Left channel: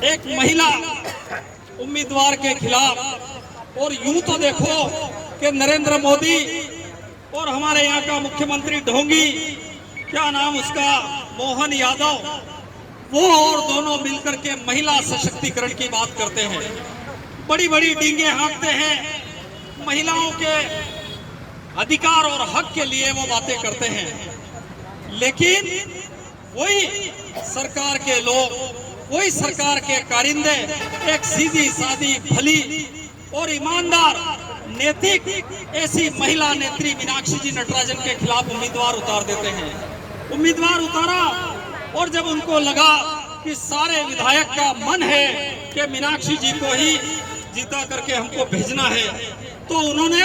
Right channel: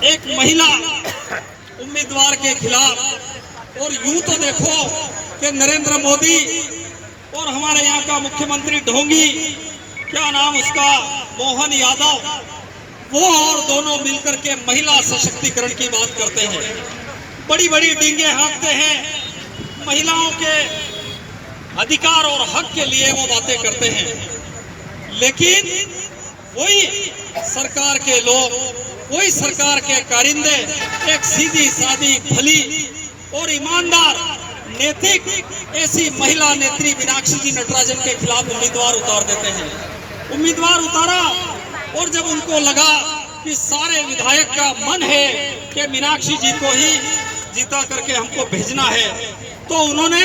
एक महिला उम्मीदवार के खिलाफ। और यूं तो देखो कि नरेंद्र मोदी और हमारे यहाँ का मुख्यमंत्री ढोंगी, क्या नाम उसका, मोहन यादव, वो और दोनों मिलकर के महिला सशक्तिकरण की बात करते हैं, बड़ी बड़ी डींगे हाँकते हैं, महिलाओं के अधिकार और हक के लिए वो बातें करते हैं। लेकिन वही सरकार के लोग, वही सरकार के कारिंदे एक सीधी सादी भली और ईमानदार नैतिक ऐसी महिला नेत्री मीनाक्षी जी नटराजन के खिलाफ उम्मीदवार उतार देते हैं। उम्मीदवार उतारा और जब उनको लगा कि सारे विधायक का मन है कि मीनाक्षी जी को ही जीता करके हमको भेजना है, तो उन्होंने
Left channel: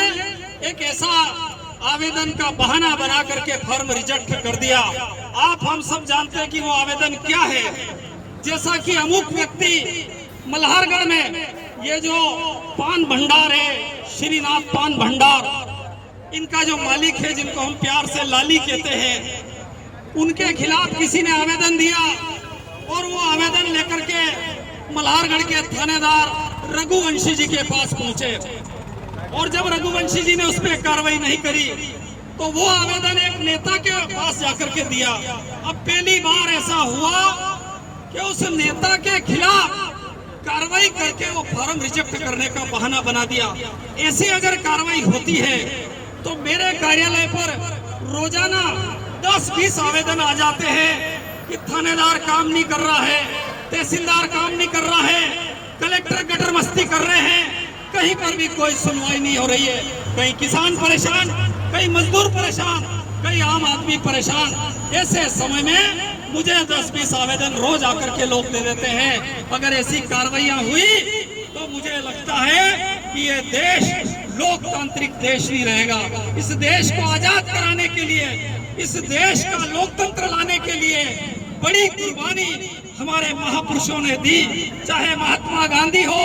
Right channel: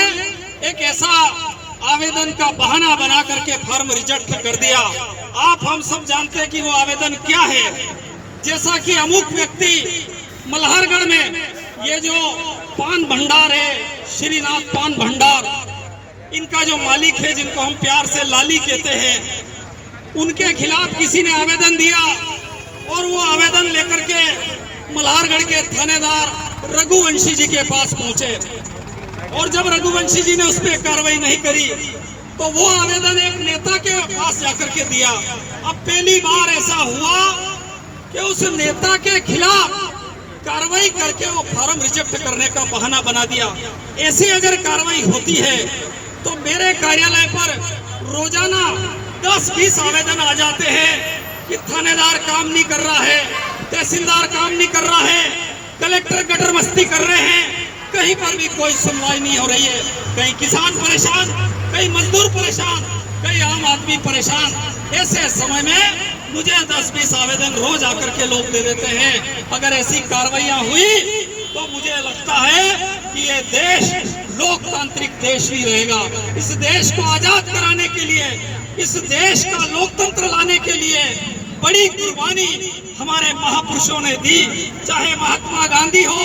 एक ऐसा आवेदन का बहाना बना करके फॉर्म रिजेक्ट कर दिया। आप हम सब जानते हैं कि वो आवेदन क्या है। जैसा कि अमुक व्यक्ति मल्हारगढ़ में ये जो पान भंडार है, श्रीनाथ पान भंडार, इनका जो मालिक है, जिनको हम प्यार से लाली कहते हैं, उनके खिलाफ किसी ने आवेदन दिया और वो आवेदन लेकर के मल्हारगढ़ के थानेदार रघुवंशी जी के पास पहुंचे। और जब रघुवंशी जी ने उस पर कार्रवाई नहीं करी तो वो आवेदन एक नेता के पास जाकर के दिया। अब पहली बार ऐसा हुआ कि उस नेता के खिलाफ कार्रवाई करके वो फॉर्म रिजेक्ट करने का बहाना बना दिया। ऐसी अगर कार्रवाई होती है तो मेरे कार्यालय पर रोजाना 10-20 आवेदन आ जाते हैं कि थानेदार काम नहीं कर रहा है, तहसीलदार काम नहीं कर रहा है, कलेक्टर गटर मस्ती कर रहे हैं, कहीं पर भी कोई सुनवाई नहीं हो रही है। कहीं किसान परेशान, कहीं मजदूर परेशान, कहीं आम आदमी परेशान। ऐसे समय में मुझे 10-20 आवेदन रोज आकर के लोग दे देते हैं। अगर ऐसी कार्रवाइयां हुई तो मुझे लगता है कि ये देश लोकतांत्रिक देश ही रहेगा। इस देश को आजाद कराने के लिए, इस देश का लोकतंत्र लाने के लिए बड़ी कुर्बानी हमारे महापुरुषों ने दी। चाहे महात्मा गांधी हो,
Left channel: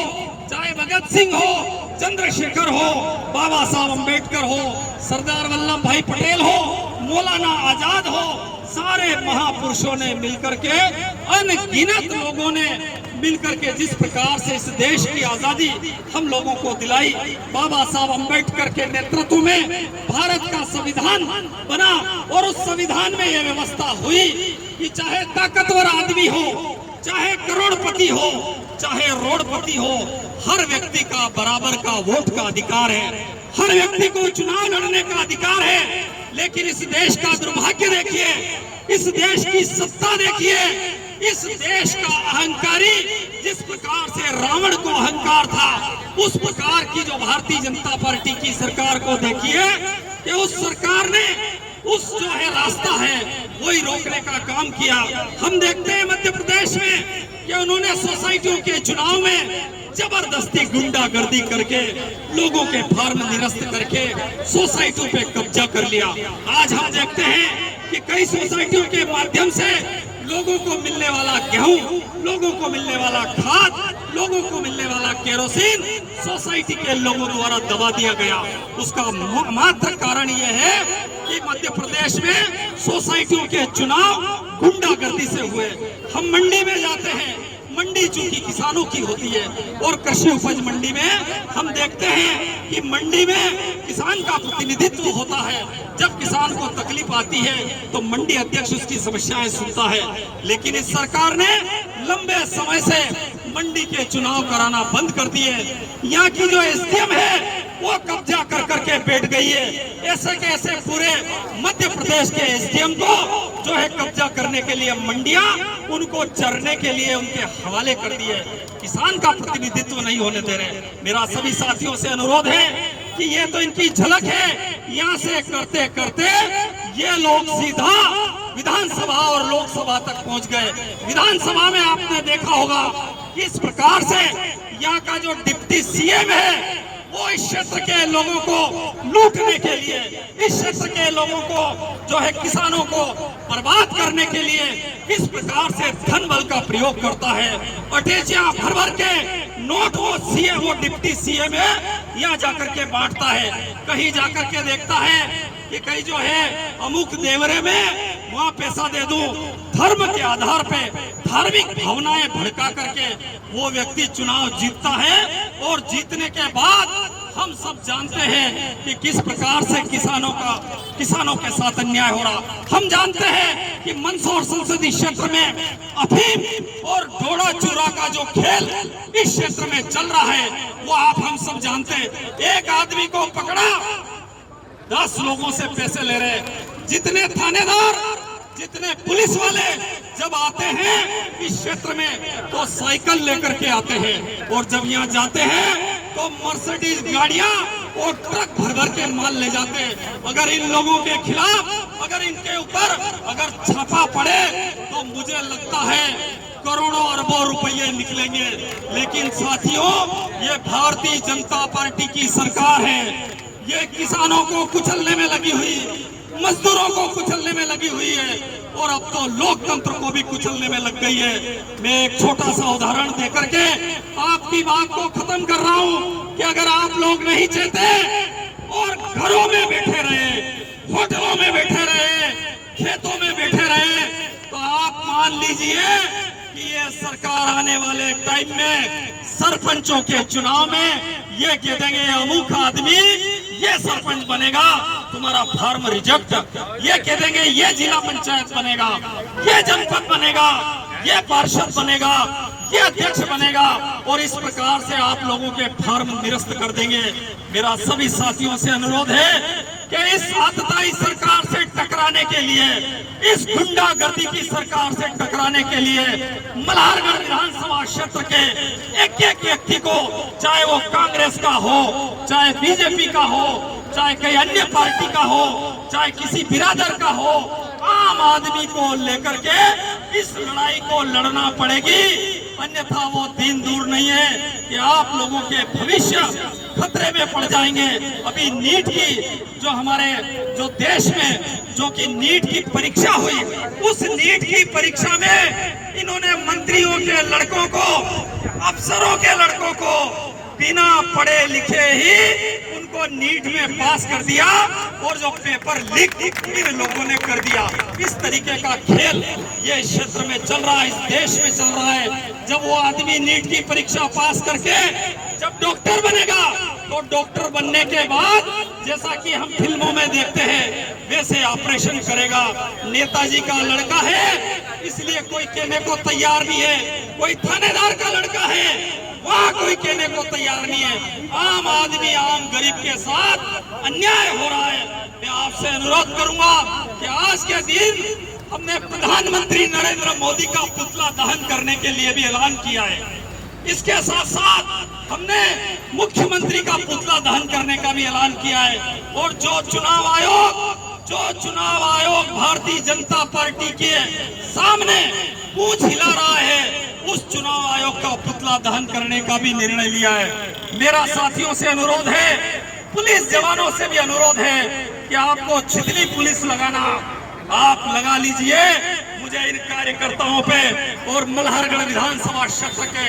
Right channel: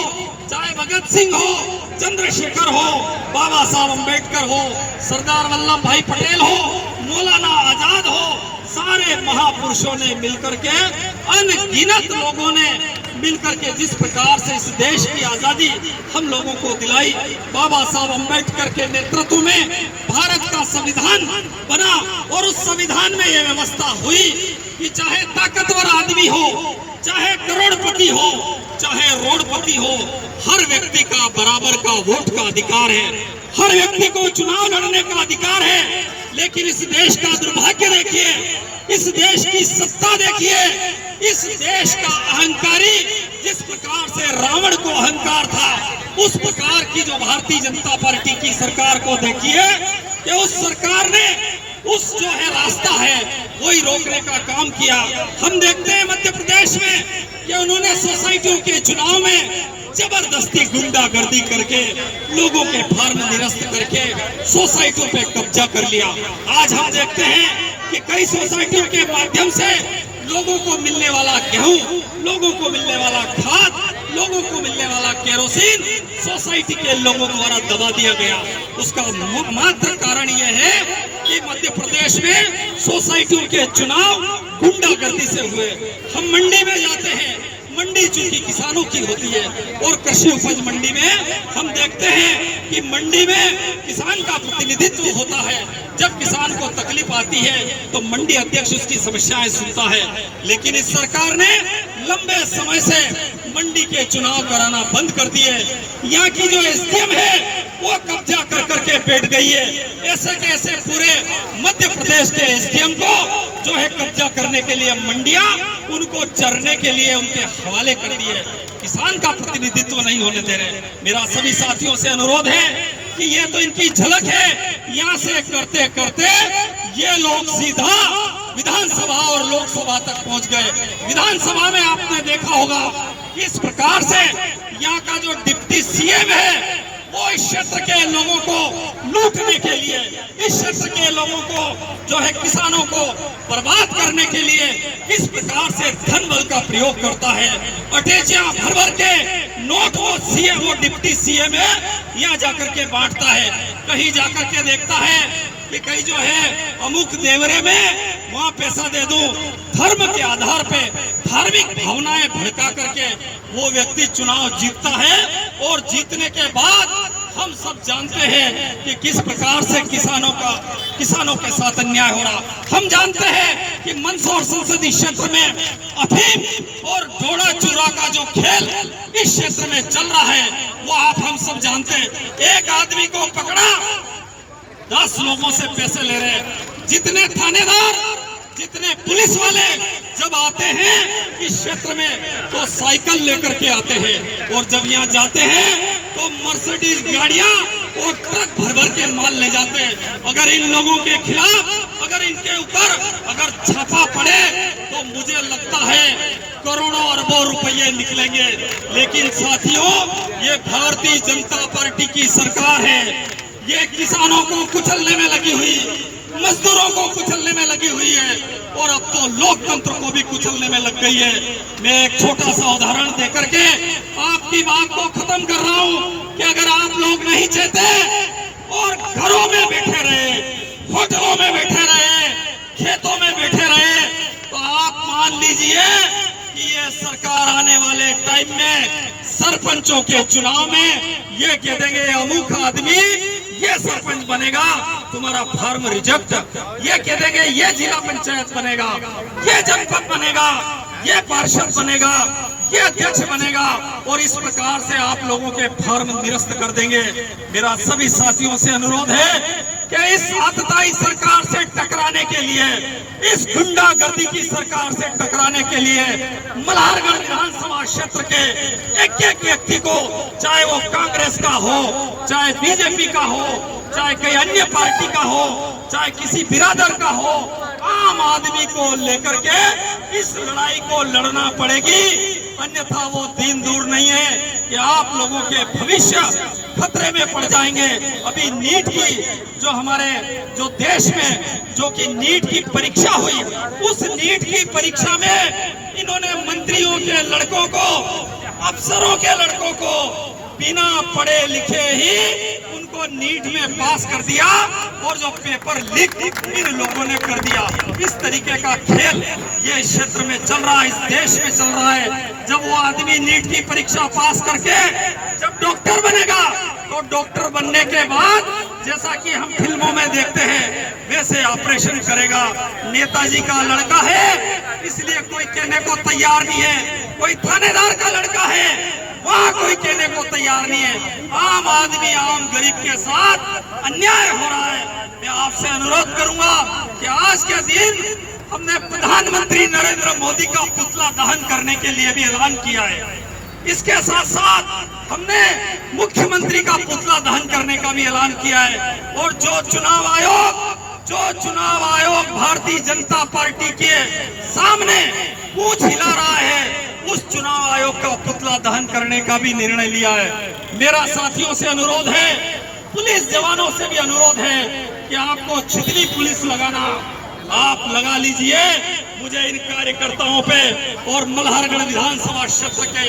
चाहे भगत सिंह हो, चंद्रशेखर हो, बाबा साहब अम्बेडकर हो, सरदार वल्लभ भाई पटेल हो, मौलाना आजाद हो, सारे महापुरुषों ने मिलकर के, अनगिनत लोगों ने मिलकर के जिस प्रकार से इस देश की आजादी हम लोगों को दिलाई, बाबा साहब अम्बेडकर के नेतृत्व में भारत का संविधान बना और उस संविधान में यह व्यवस्था हुई कि चाहे ताकतवर आदमी हो, चाहे करोड़पति हो, चाहे रोडपति हो, हर व्यक्ति का बराबर का वोट का अधिकार है, हर व्यक्ति को चुनाव लड़ने का अधिकार है। लेकिन इस देश का दुर्भाग्य देखिए, इस देश की सत्ता देखिए, इस देश का अहंकारी, जिस प्रकार से रावण को अहंकार था, उस प्रकार की जो भारतीय जनता पार्टी की सरकार को देखिए कि उस सरकार ने उस जो है रास्ता है वही रोकने का काम किया। हम देखते हैं मध्य प्रदेश में कि उन्होंने सोसाइटियों के चुनाव में जबरदस्ती गुंडागर्दी करके लोगों के फार्म निरस्त करके सोसाइटियों पे कब्जा कर लिया। आज हम देखते हैं कि कई सोसाइटियों के माध्यम से लोगों को मिलने वाला गेहूं, लोगों को मिलने वाला खाद, लोगों को मिलने वाला केरोसिन सोसाइटी के लोगों द्वारा दबा दिया गया। उसका मात्र कारण यह है कि मध्य प्रदेश में सोसाइटियों के चुनाव गुंडागर्दी से हुए। हम मंडी में जाते हैं, मंडी चूंकि किसानों की होती है और कृषि उपज मंडी में हम देखते हैं कि मंडी में किसान का प्रतिनिधित्व होता है। जब किसान को तकलीफ आती है तो मंडी अध्यक्ष उसकी समस्याएं सुनता है। लेकिन इस सरकार ने लंबे समय से मंडी के चुनाव कराना बंद कर दिए। यहाँ की जो एसडीएम है वो कब्जा कर करके बैठ गई है। ऐसे के ऐसे पूरे मध्य प्रदेश के एसडीएम को जो है कब्जा करने के लिए मंडियां उनको चरने के लिए उनके हवाले कर दिए। किसान का प्रतिनिधित्व नहीं होने दे रहे। मेरा सभी साथियों से अनुरोध है कि ये तो इनकी झलक है। यहाँ से करते करते ये लोग सीधा विधानसभा और लोकसभा तक पहुंच गए। विधानसभा में आपने देखा होगा कि इस प्रकार से यहाँ का जो डिप्टी सीएम है वो इस क्षेत्र के लोगों को लूटने के लिए, इस क्षेत्र के लोगों को जो है किसानों को बर्बाद करने के लिए किस प्रकार से धन बल का प्रयोग करता है। अटैचियां भर भर के नोट वो सीएम, वो डिप्टी सीएम है, यहाँ जाकर के बांटता है। कहीं जाकर के देखता है कि कहीं जो है अमुक देवरे में वहाँ पैसा दे दूं। धर्म के आधार पे धार्मिक भावनाएं भड़का करके वो व्यक्ति चुनाव जीतता है और जीतने के बाद हम सब जानते हैं कि किस प्रकार से किसानों के साथ अन्याय हो रहा। हम जानते हैं कि मंदसौर संसदीय क्षेत्र में अफीम और डोडा चूरा का जो खेल इस क्षेत्र में चल रहा है वो आप हम सब जानते हैं। एक आदमी को पकड़ा, 10 लोगों से पैसे ले रहे। जितने थानेदार, जितने पुलिस वाले जब आते हैं इस क्षेत्र में तो साइकिल लेकर के आते हैं और जब यहाँ जाते हैं तो मर्सिडीज गाड़ियां और ट्रक भर भर के माल ले जाते हैं। अगर इन लोगों के खिलाफ, अगर इनके ऊपर अगर छापा पड़े तो मुझे लगता है करोड़ों अरबों रुपये निकलेंगे। लेकिन साथियों, ये भारतीय जनता पार्टी की सरकार है, ये किसानों को कुचलने में लगी हुई, मजदूरों को कुचलने में लगी हुई है और अब तो लोकतंत्र को भी कुचलने में लग गई है। मैं एक छोटा सा उदाहरण देकर के आपकी बात को खत्म कर रहा हूं कि अगर आप लोग नहीं चाहते और घरों में बैठे रहे, होटलों में बैठे रहे, खेतों में बैठे रहे तो आप मान लीजिए कि ये सरकार आने वाले टाइम में सरपंचों के चुनाव में ये कह देंगे अमुक आदमी ये सरपंच बनेगा, तुम्हारा फॉर्म रिजेक्ट। ये कह देंगे ये जिला पंचायत बनेगा, ये जनपद बनेगा, ये पार्षद बनेगा, ये अध्यक्ष बनेगा और इस प्रकार से आप लोगों के फॉर्म निरस्त कर देंगे। मेरा सभी साथियों से अनुरोध है कि इस आतताई सरकार से टकराने के लिए, इस गुंडागर्दी की सरकार से टकराने के लिए मल्हारगढ़ विधानसभा क्षेत्र के एक एक व्यक्ति को, चाहे वो कांग्रेस का हो, चाहे बीजेपी का हो, चाहे कई अन्य पार्टी का हो, चाहे किसी बिरादर का हो, आम आदमी को लेकर के इस लड़ाई को लड़ना पड़ेगी। अन्यथा वो दिन दूर नहीं है कि आप लोगों के भविष्य खतरे में पड़ जाएंगे। अभी नीट की जो हमारे जो देश में जो कि नीट की परीक्षा हुई, उस नीट की परीक्षा में इन्होंने मंत्रियों के लड़कों को, अफसरों के लड़कों को बिना पढ़े लिखे ही उनको नीट में पास कर दिया और जो पेपर लीक इन लोगों ने कर दिया। इस तरीके का खेल ये क्षेत्र में चल रहा है, इस देश में चल रहा है। जब वो आदमी नीट की परीक्षा पास करके जब डॉक्टर बनेगा तो डॉक्टर बनने के बाद जैसा कि हम फिल्मों में देखते हैं वैसे ऑपरेशन करेगा। नेताजी का लड़का है इसलिए कोई कहने को तैयार नहीं है, कोई थानेदार का लड़का है वहाँ कोई कहने को तैयार नहीं है। आम आदमी, आम गरीब के साथ अन्याय हो रहा है। मैं आपसे अनुरोध करूंगा कि आज के दिन हमने प्रधानमंत्री नरेंद्र मोदी का पुतला दहन करने के लिए भी ऐलान किया है। इसके साथ साथ हमने मुख्यमंत्री का पुतला दहन करने का भी ऐलान किया है। और जो चुनाव आयोग भारतीय जनता पार्टी के सामने पूछ हिला रहा है, उस चुनाव आयोग का पुतला दहन करने का भी निर्णय लिया है। मेरा साथियों से अनुरोध है, पुलिस जवानों से भी अनुरोध है कि आपको छितली पुलिस लगाना आप लगा लीजिए। मुझे इन कार्यकर्ताओं पे और मल्हारगढ़ विधानसभा क्षेत्र के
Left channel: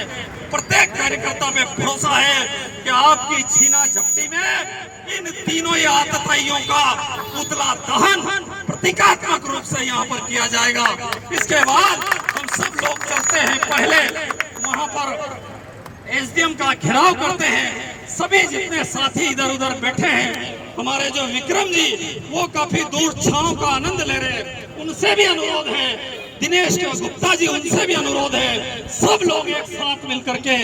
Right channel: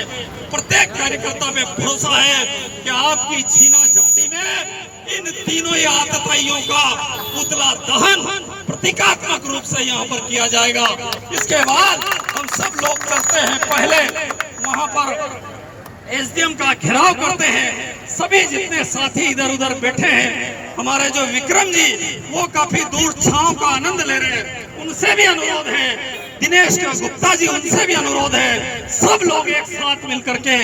प्रत्येक कार्यकर्ता पे भरोसा है कि आपकी छीना झपटी में इन तीनों ही आतताइयों का पुतला दहन प्रतीकात्मक रूप से यहाँ पर किया जाएगा। इसके बाद हम सब लोग चलते हैं, पहले वहाँ पर एसडीएम का घेराव करते हैं। सभी जितने साथी इधर उधर बैठे हैं, हमारे जो विक्रम जी वो काफी दूर छांव का आनंद ले रहे हैं, उनसे भी अनुरोध है। दिनेश गुप्ता जी, उनसे भी अनुरोध है। सब लोग एक साथ मिलकर के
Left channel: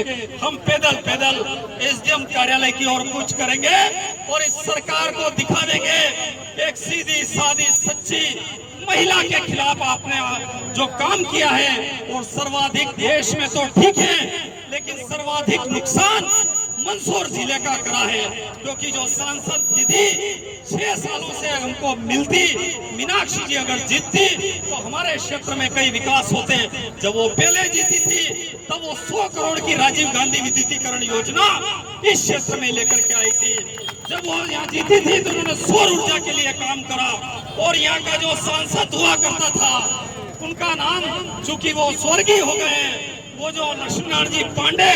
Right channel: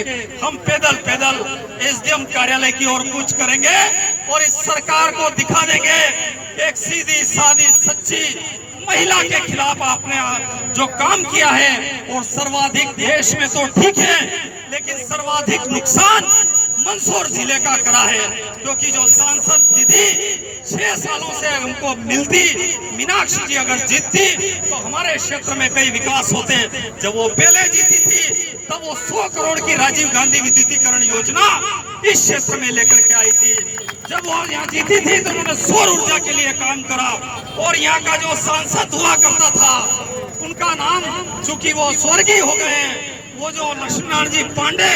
हम पैदल एसडीएम कार्यालय की ओर कूच करेंगे और इस सरकार को दिखा देंगे एक सीधी सादी सच्ची महिला के खिलाफ आपने जो काम किया है। और सर्वाधिक देश में तो ठीक है, लेकिन सर्वाधिक नुकसान मंदसौर जिले का करा है, क्योंकि जो सांसद दीदी 6 सालों से हमको मिलती, मीनाक्षी जी अगर जीतती तो हमारे क्षेत्र में कई विकास होते। जब वो पहले जीती थी तब वो 100 करोड़ की राजीव गांधी विद्युतीकरण योजना इस क्षेत्र में लेकर के आई थी। जब वो यहाँ जीती थी तो उन्होंने सौर ऊर्जा के लिए काम करा। और यहाँ का जो सांसद हुआ करता था, उनका नाम चूंकि वो स्वर्गीय हो गए, वो जो लक्ष्मण जी पांडे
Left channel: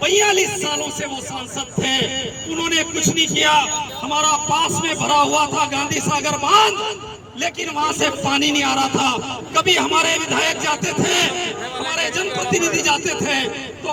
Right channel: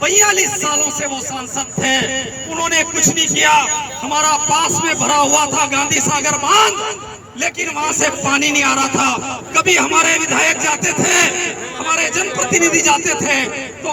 42 सालों से वो सांसद थे, उन्होंने कुछ नहीं किया। हमारा पास में भरा हुआ था गांधी सागर बांध, लेकिन वहां से पानी नहीं आ रहा था। कभी हमारे विधायक जाते थे, हमारे जनप्रतिनिधि जाते थे तो